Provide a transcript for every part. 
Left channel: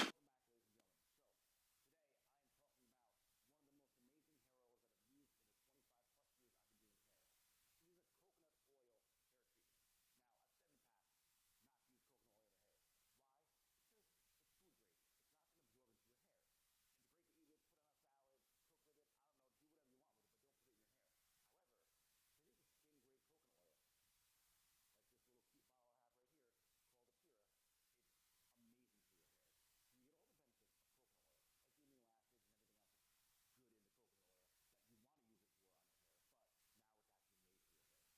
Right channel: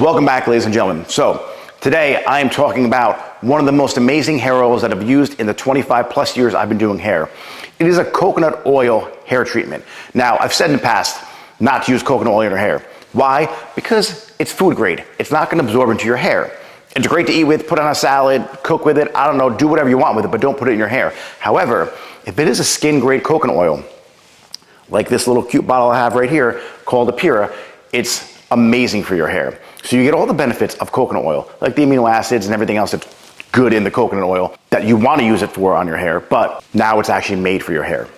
Welcome back, ladies and gentlemen. So today I am talking about one of the most amazing hair oils that I've used in the 25 plus years I've been doing hair. It is a coconut oil hair treatment. Now, I've said in the past not to use coconut oil in your hair. Why? Because it's food grade. It's not going to absorb into your hair. It's great to eat with, put on a salad, cook with it, I don't know, do whatever you want with it, but don't put it in your hair. However, if it is a skin grade coconut oil, like this little cute bottle I have right here called Apira, it's amazing for your hair. So you get all the benefits of coconut oil, like the amino acids and everything else that's good in the coconut oil that you want to use it for on your hair, but now it's actually made for your hair.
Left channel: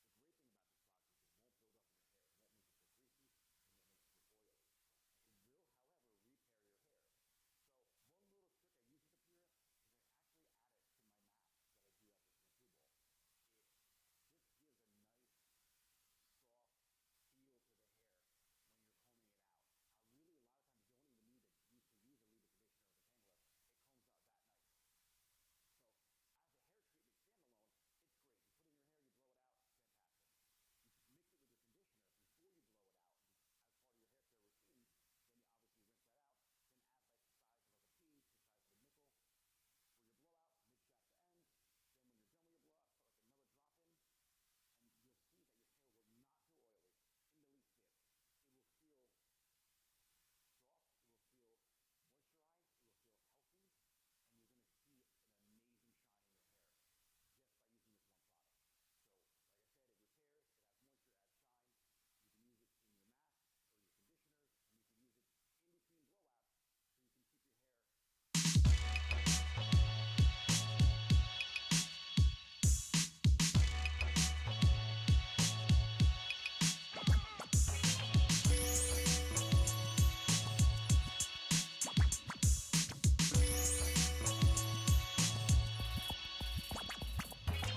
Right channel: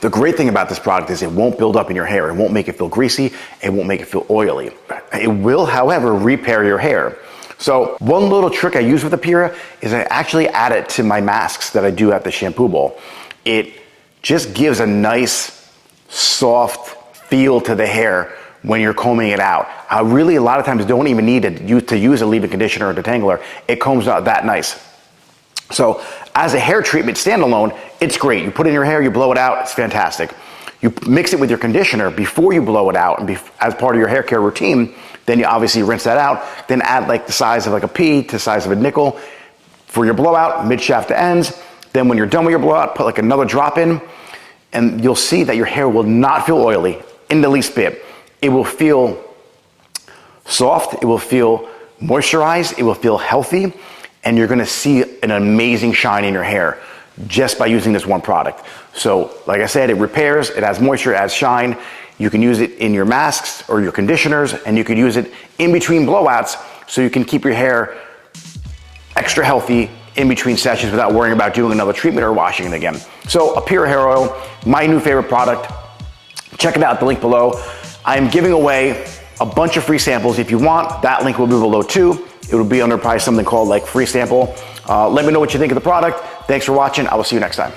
The great thing about this product is it won't build up in your hair. It won't make it feel greasy. It won't make it feel oily. It will, however, repair your hair. So one little trick I use with Apira is I actually add it to my masks that I do at the shampoo bowl. It just gives a nice, soft feel to the hair when you're combing it out. I really, a lot of times, don't even need to use a leave-in conditioner or detangler. It combs out that nice. So as a hair treatment standalone, it's great. You put it in your hair, you blow it out, it's fantastic. You mix it with your conditioner before you blow it out and as part of your hair care routine, then you obviously rinse that out, then add like the size of like a pea to the size of a nickel for your blowout, mid-shaft to ends. Then when you're done with your blowout, put like another drop in, and you'll see that your hair will not feel oily in the least bit. It will feel soft, it will feel moisturized, it will feel healthy, and you're gonna see an amazing shine in your hair just by using this one product. So, like I said, it repairs, it adds moisture, it adds shine. You can use it in your masks or your conditioners, and you can use it in between blowouts so you can keep your hair extra healthy in between sessions without worrying about doing another treatment or washing it again. So, Apira hair oil, my new favorite product. Check it out, the link below. I'm giving away a bunch of free samples. If you want, that link will be below too. It will be under probably something called like free sample. Let me know what you think of the product. Thanks for watching. I will see you next time.